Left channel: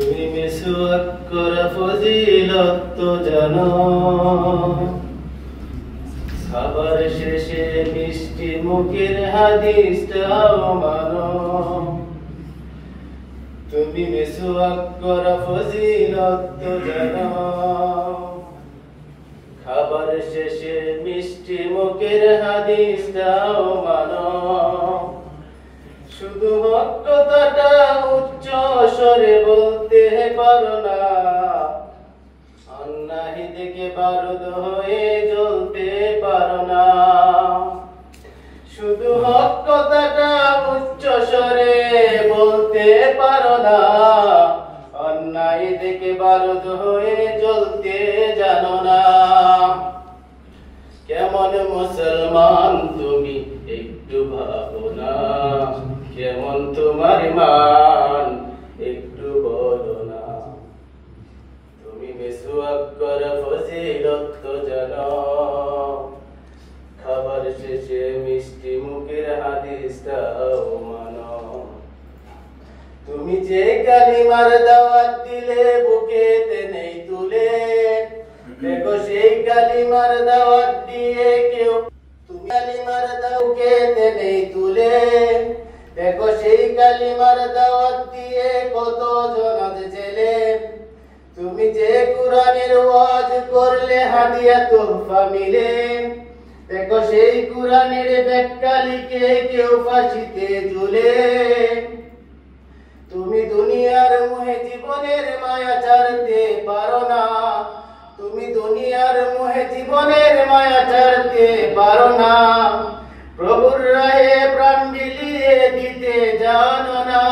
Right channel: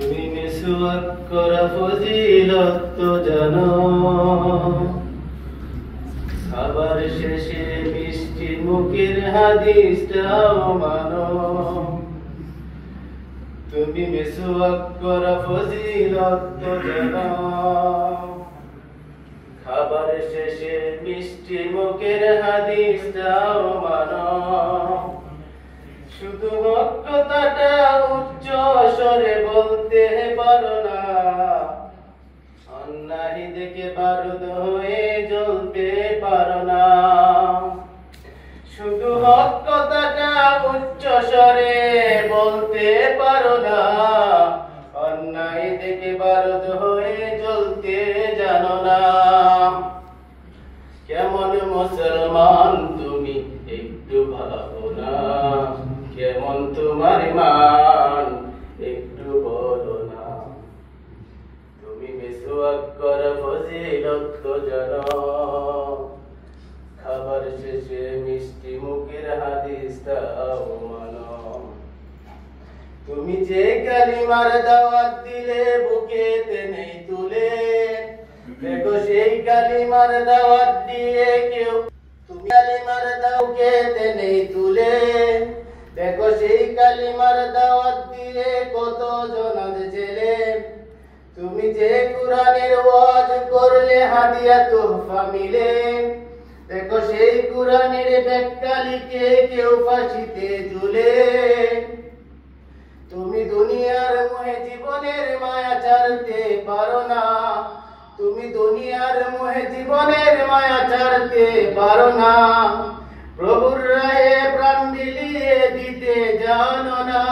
তুমি মিসওয়াক করা ফজিলত তো জানো, খাবার শেষে মিষ্টি মুখের হাদিসটাও মানো। তুমি মিসওয়াক করা ফজিলত তো জানো, খাবার শেষে মিষ্টি মুখের হাদিসটাও মানো। শুধু হক কথাটা উচ্চ স্বরে বলতে পারো না, অন্যায় দেখে বারুদ হয়ে জ্বলতে পারো না। শুধু হক কথাটা উচ্চ স্বরে বলতে পারো না, অন্যায় দেখে বারুদ হয়ে জ্বলতে জানো না। কেমন মুসলমান তুমি একটু ভাবো না, কেমন তোমার মান একটু বলো না। তুমি মিসওয়াক করা ফজিলত তো জানো, খাবার শেষে মিষ্টি মুখের হাদিসটাও মানো। তুমি যে কালিমার দাওয়াত দিলে বুকেতে নেই তুলে, দেখো সেই কালিমার দাওয়াত দিয়ে কেউ, তুমি কালিমার বুকেতে নেই তুলে, দেখো সেই কালিমার দাওয়াত দিয়ে কত জন জেলে। তুমি যে কুরআনের ওয়াজ করলে হাদিয়া তোহফা মিলে, দেখো সেই কুরআনের ব্যাখ্যা লিখে কেউ ফাঁসিতে ঝুলে। তুমি দুনিয়ার মোহে জীবনের মায়া ছাড়তে পারো না, তুমি দুনিয়ার মোহে জীবনের মায়া ছাড়তে পারো না। প্রভুর রাহে প্রাণ বিলিয়ে দিতে জানো না।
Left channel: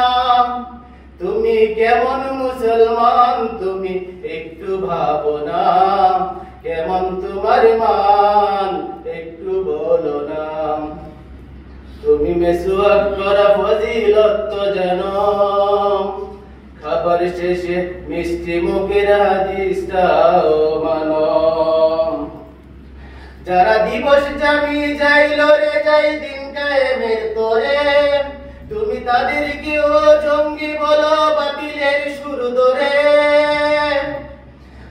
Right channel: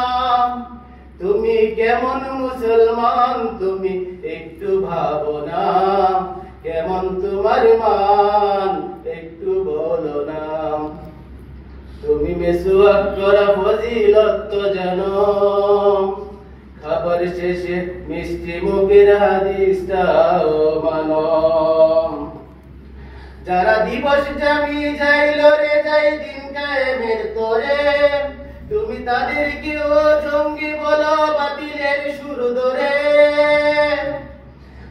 তুমি কেমন মুসলমান তুমি একটু ভাবো না, কেমন তোমার মান একটু বলো না। তুমি মিসওয়াক করা ফজিলত তো জানো, খাবার শেষে মিষ্টি মুখের হাদিসটাও মানো। যারা দিবস জামি যাইল রে যাই দিন কায়েমের তোরে, তুমি তাদেরকেও জঙ্গি বলো বাতিলের সুর ধরে।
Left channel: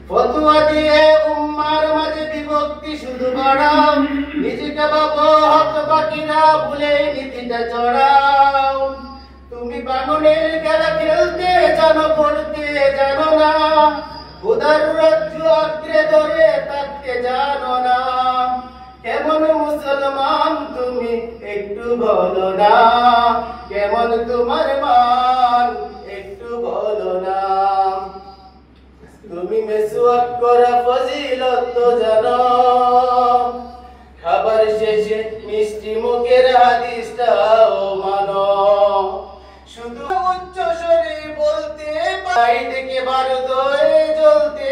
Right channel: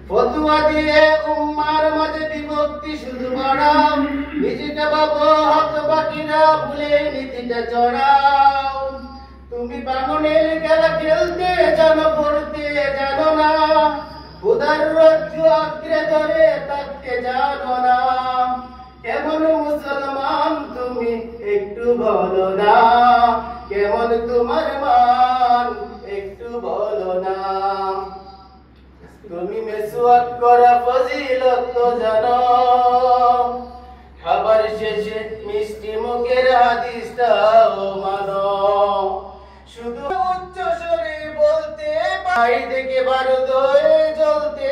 ফতোয়া দিয়ে উম্মার মাঝে বিভক্তি শুধু বাড়াও, নিজেকে ভাবো হক বাকিরা ভুলে নীতিটা চড়াও। তুমি বাননের খেলা খেলতে জানো, পড়তে জানো না, খোদার রাজ্য আঁকড়ে ধরে থাকতে জানো না। কেমন মুসলমান তুমি একটু বলো না, কেমন তোমার মান একটু বলো না। তুমি মিসওয়াক করা ফজিলত তো জানো, খাবার শেষে মিষ্টি মুখের হাদিসটাও মানো। শুধু উচ্চ স্বরে বলতে পাই দেখে বারুদ হয়ে জ্বলতে